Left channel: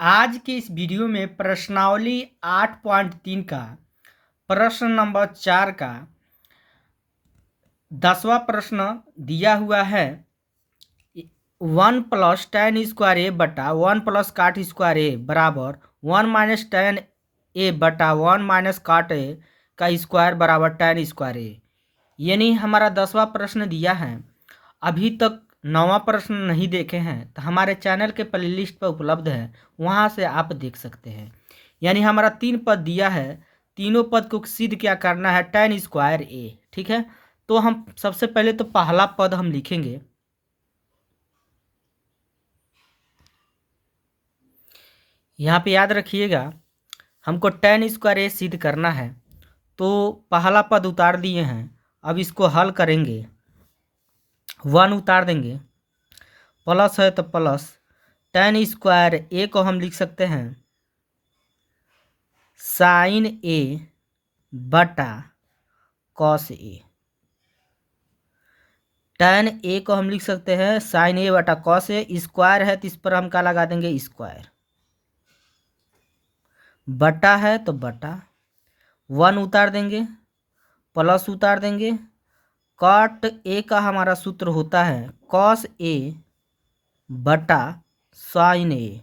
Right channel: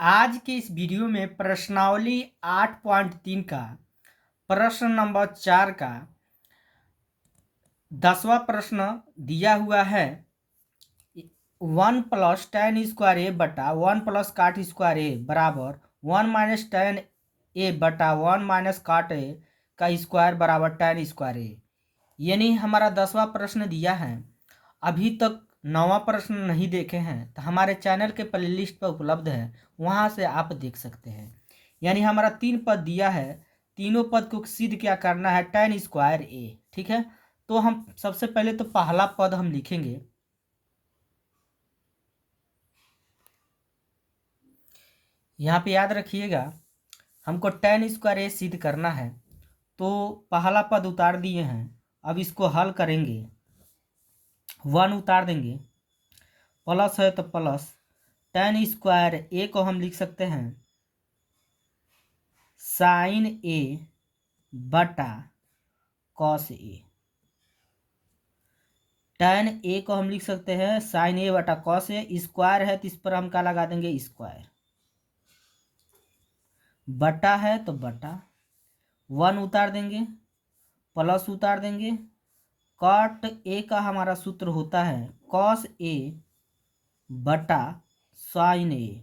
आज के इस वीडियो में प्रश्नावली 8.3 का प्रश्न नंबर 4 का 10वां प्रश्न दिया हुआ है। 1 प्लस tan स्क्वायर ए बटा 1 प्लस काट स्क्वायर ए बराबर 1 माइनस tan ए बटा 1 माइनस काट ए का स्क्वायर बराबर tan स्क्वायर ए। यानी हमारा 10वां प्रश्न दिया है। अभी तक 9वां प्रश्न नहीं देखे हैं तो हमारे चैनल के प्लेलिस्ट पर उपलब्ध है, वहाँ से आप देख सकते हैं। यानी हमारा 3 पद दिया है, तीनों पद को सिद्ध क्या करना है, tan स्क्वायर ए। ठीक है, तो हम सबसे पहले तो पहला पद हम लिखेंगे। यहाँ पे याद रखिएगा, हमको tan स्क्वायर ए सिद्ध करना है, तो पहला पद उतार दिए हैं। अब इसको हल करेंगे, 1 उतार देंगे, प्लस है तो प्लस tan स्क्वायर ए को हम लिख सकते हैं साइन ए बटा कॉस ए। tan ए को हम लिख सकते हैं साइन ए बटा कॉस ए। स्क्वायर है तो इस पर हम क्या लगा देंगे, स्क्वायर। बटा है तो बटा, 1 उतार देंगे, प्लस उतार देंगे। कॉट ए का हमारा सूत्र होता है कॉस ए बटा साइन ए।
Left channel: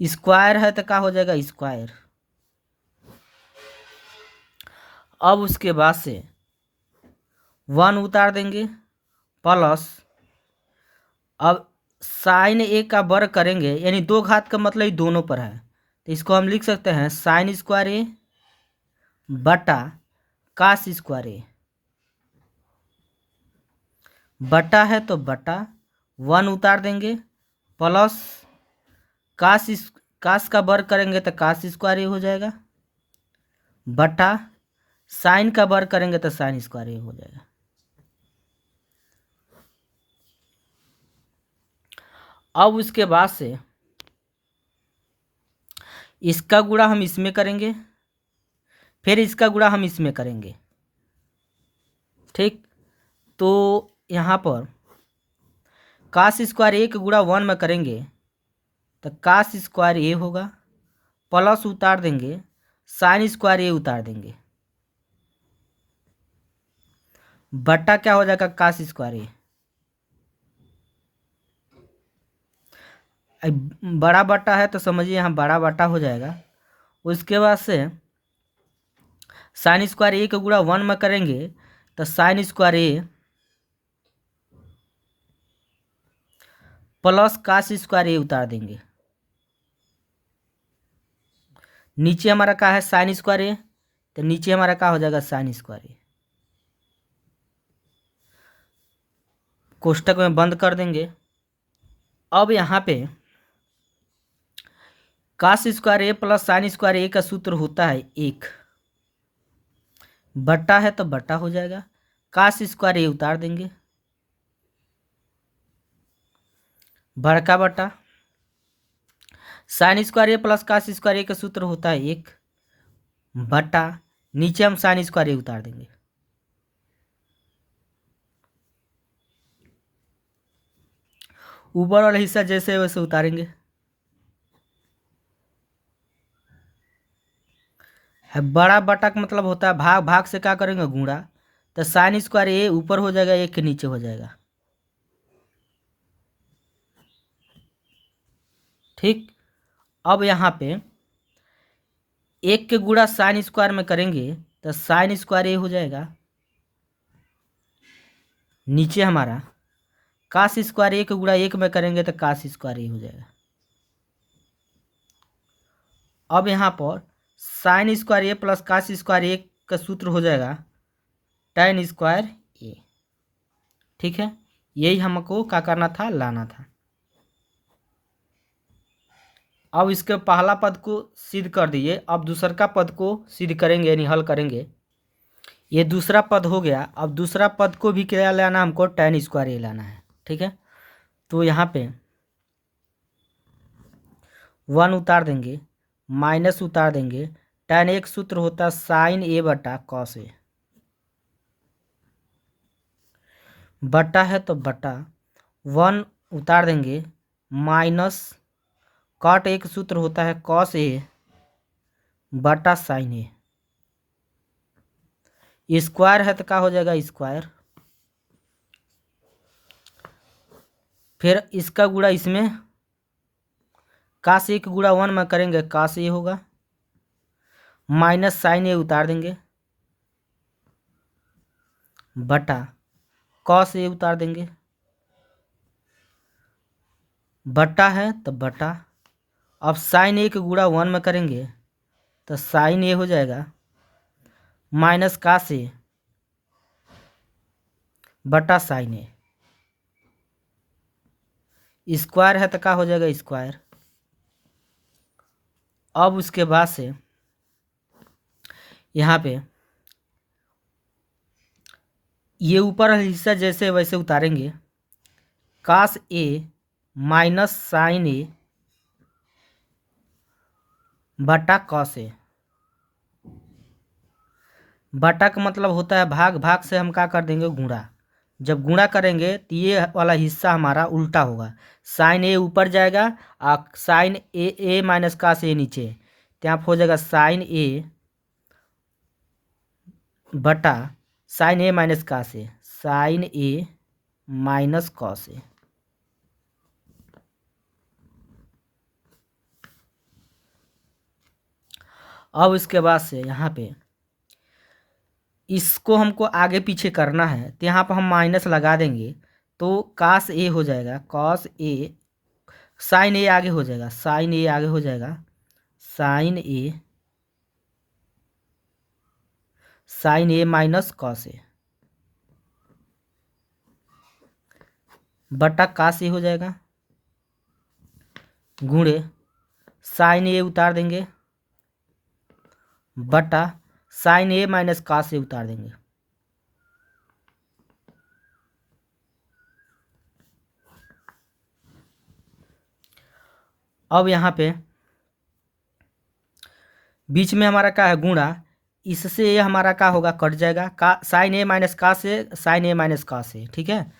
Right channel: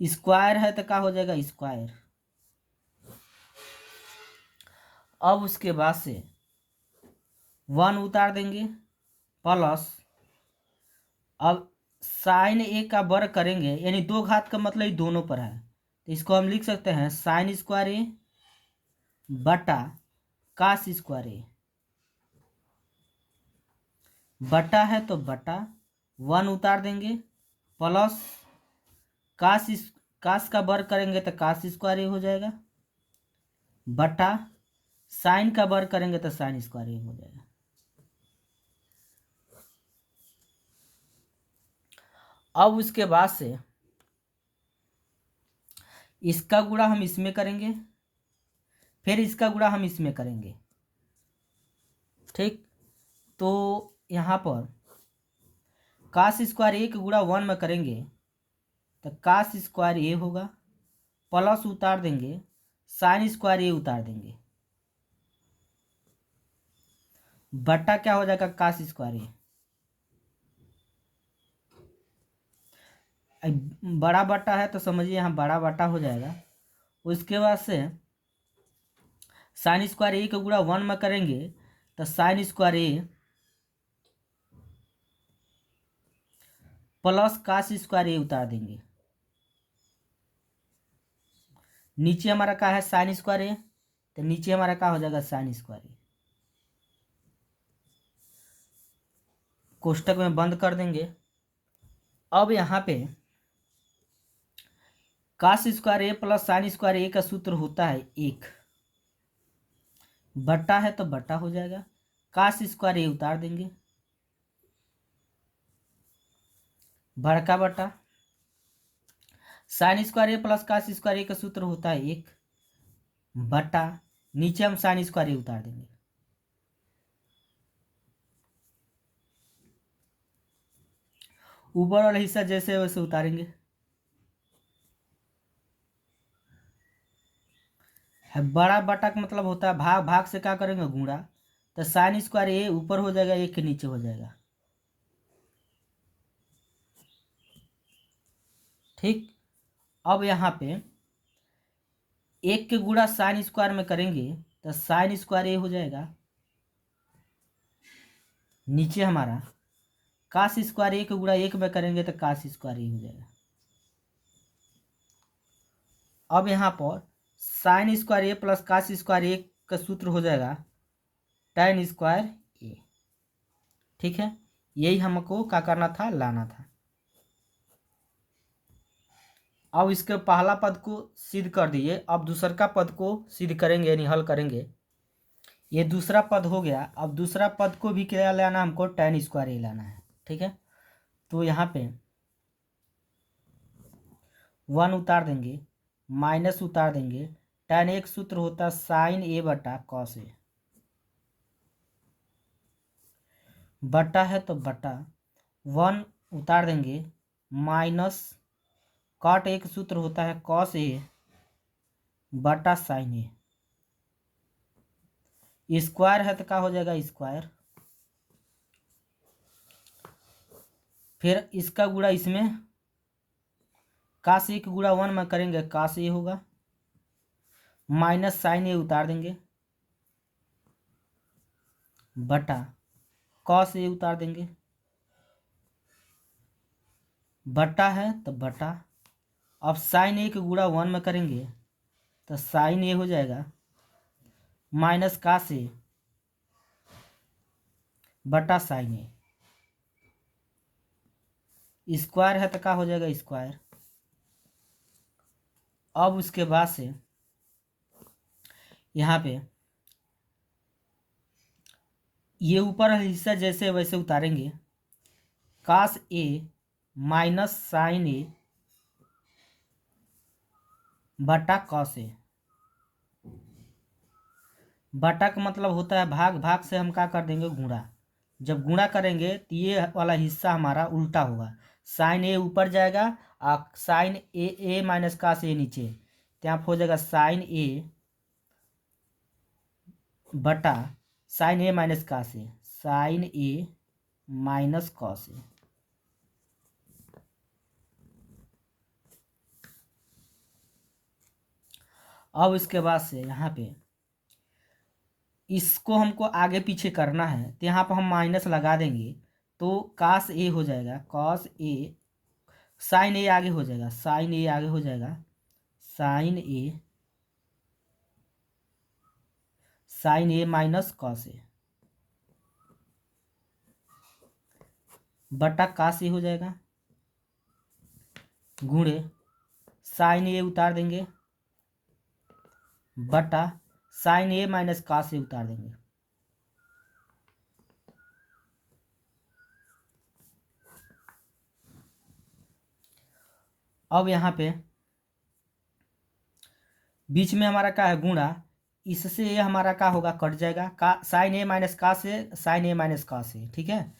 स्क्वायर है तो क्या हो जाएगा, स्क्वायर। अब उसके बाद से 1 उतार देंगे, प्लस अब साइन ए का वर्ग करेंगे, यानी 2 घात का मतलब ये दोनों पर है, तो इसको हम लिख सकते हैं साइन स्क्वायर ए बटा कास स्क्वायर ए। बटा है तो बटा, 1 उतार देंगे, प्लस कास का वर्ग करेंगे तो कास स्क्वायर ए हो जाएगा, बटा साइन का वर्ग करेंगे तो साइन स्क्वायर ए हो जाएगा। अब उसके बाद से इसका गुणा हम इसमें करेंगे, फिर इसका गुणा हम इसमें करेंगे। ठीक, तो यहाँ पर कास स्क्वायर ए का गुणा 1 में करेंगे तो कास स्क्वायर ए होगा, प्लस उतार देंगे, साइन स्क्वायर ए उतार देंगे, बटा क्या हो जाएगा, कास स्क्वायर ए। बड़ा बटा है तो समझिए यहाँ बड़ा बटा हो जाएगा। उसके बाद से साइन स्क्वायर ए का गुणा 1 में करेंगे तो साइन स्क्वायर ए प्लस कास स्क्वायर ए उतार देंगे। नीचे हमारा क्या है, साइन स्क्वायर ए, तो नीचे हमारा क्या हो जाएगा, साइन स्क्वायर ए। कोष्टक में बंद कर देंगे। अब यहाँ पे कास स्क्वायर ए प्लस साइन स्क्वायर ए का सूत्र होता है 1, बटा है तो बटा हो जाएगा, कास स्क्वायर ए उतार देंगे, बड़का बटा साइन स्क्वायर ए प्लस कास स्क्वायर ए का सूत्र होता है 1, बटा नीचे हम साइन स्क्वायर ए उतार देंगे। ऊपर वाला हिस्सा जैसे वैसे उतारेंगे। है बड़ा बटा का मतलब होता है भाग, भाग से क्या करेंगे, गुणा, तो साइन स्क्वायर ए ऊपर हो जाएगा, 1 के नीचे हो जाएगा। ठीक, अब यहाँ पे 1 के गुणा साइन स्क्वायर में करेंगे तो साइन स्क्वायर ए हो जाएगा, नीचे हमारा कास स्क्वायर ए के गुणा 1 में करेंगे तो कास स्क्वायर ए हो जाएगा। अब यहाँ पर साइन स्क्वायर ए प्लस कास स्क्वायर ए का सूत्र हो जाएगा tan स्क्वायर ए। ठीक है, यही हमको क्या करना था, लाना था। अब इसके पहला पद को सिद्ध कर दिए, अब दूसरा पद को सिद्ध करेंगे, यानी हल करेंगे। ये दूसरा पद हो गया। अब दूसरा पद को भी क्या लाना, हमको tan स्क्वायर ए लाना है। ठीक है, तो यहाँ पे 1 उतार देंगे, माइनस उतार देंगे, tan एक सूत्र होता है साइन ए बटा कॉस ए, बटा है तो बटा, 1 उतार देंगे, माइनस कॉट ए का सूत्र होता है कॉस ए बटा साइन ए। स्क्वायर है तो क्या हो जाएगा स्क्वायर, फिर इसका गुणा इसमें कास ए का गुणा 1 में करेंगे कास ए होगा, माइनस साइन ए उतार देंगे बटा कॉस ए उतार देंगे, बटा है तो बटा, अब साइन ए का गुणा 1 में करेंगे तो साइन ए हो जाएगा माइनस कास ए बटा साइन ए। स्क्वायर है तो क्या हो जाएगा स्क्वायर। अब उसके बाद से यहाँ पे ये ऊपर वाला हिस्सा जैसे वैसे उतारेंगे, कास ए माइनस साइन ए बटा कॉस ए। बटा का मतलब होता है भाग, भाग से हम क्या कर देंगे गुणा, जब गुणा करेंगे तो ये वाला हिस्सा हमारा उल्टा होगा, साइन ए ऊपर जाएगा और साइन ए माइनस कास ए नीचे, तो यहाँ हो जाएगा साइन ए बटा sign A minus cos A, sign A minus cos A. अब इसके बाद से यहाँ पे इसको हमको आगे पीछे करना है तो यहाँ पर हम माइनस लगा देंगे तो कास ए हो जाएगा कॉस ए, साइन ए आगे हो जाएगा, साइन ए आगे हो जाएगा sign A minus cos A बटा कास ए हो जाएगा, गुणे साइन ए उतार देंगे बटा साइन ए माइनस कास ए उतार देंगे। अब यहाँ पे बीच में हमारा क्या है गुणा, इससे ये हमारा क्या होगा कट जाएगा, का साइन ए माइनस कास ए, साइन ए माइनस कास ए, ठीक है।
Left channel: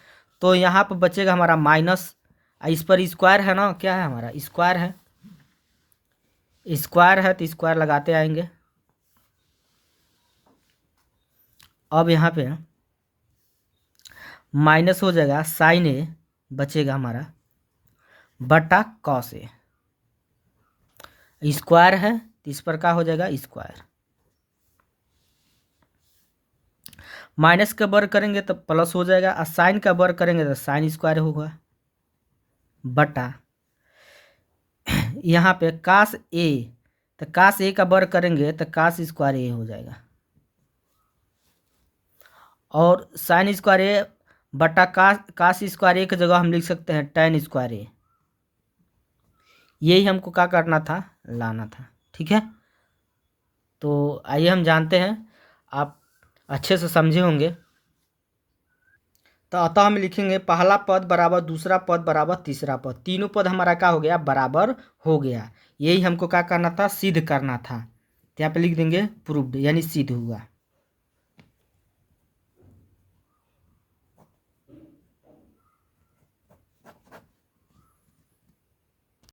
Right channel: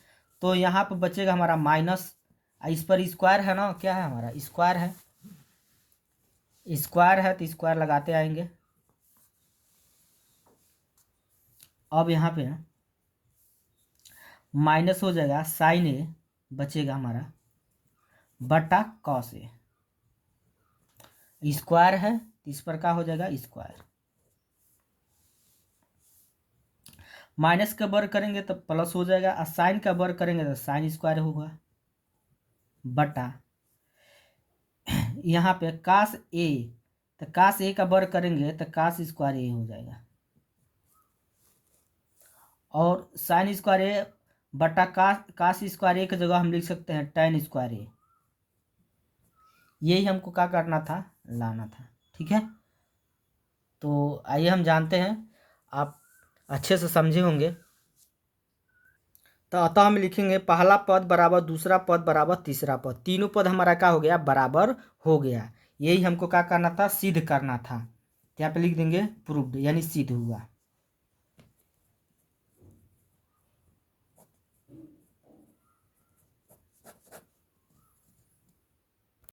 तो यहाँ पर बचेगा हमारा माइनस, इस पर स्क्वायर है ना, क्या है हमारा स्क्वायर है, स्क्वायर है तो स्क्वायर लगाते आएंगे। अब यहाँ पे माइनस हो जाएगा साइन ए बचेगा हमारा बटा कॉस ए, स्क्वायर है तो इस पर क्या हो जाएगा स्क्वायर, माइनस का वर्ग करेंगे तो प्लस हो जाएगा और साइन का वर्ग करेंगे तो साइन स्क्वायर होगा बटा यहाँ पे कास ए, तो कास ए का वर्ग करेंगे तो कास स्क्वायर ए हो जाएगा, और साइन स्क्वायर ए बटा कास स्क्वायर ए की जगह हम लिख सकते हैं tan स्क्वायर ए। यही हमको क्या करना था लाना था, ठीक है। तो आइए हम जानते हैं, आप अच्छे से समझे होंगे। तो अतः हम लिखेंगे पहला पद बराबर दूसरा पद बराबर तीसरा पद, तीनों पद हमारा क्या हो गया बराबर हो गया। यही हमको क्या करना था सिद्ध करना था, तो यहाँ पे लिख देंगे प्रूव्ड यानी सिद्ध हुआ।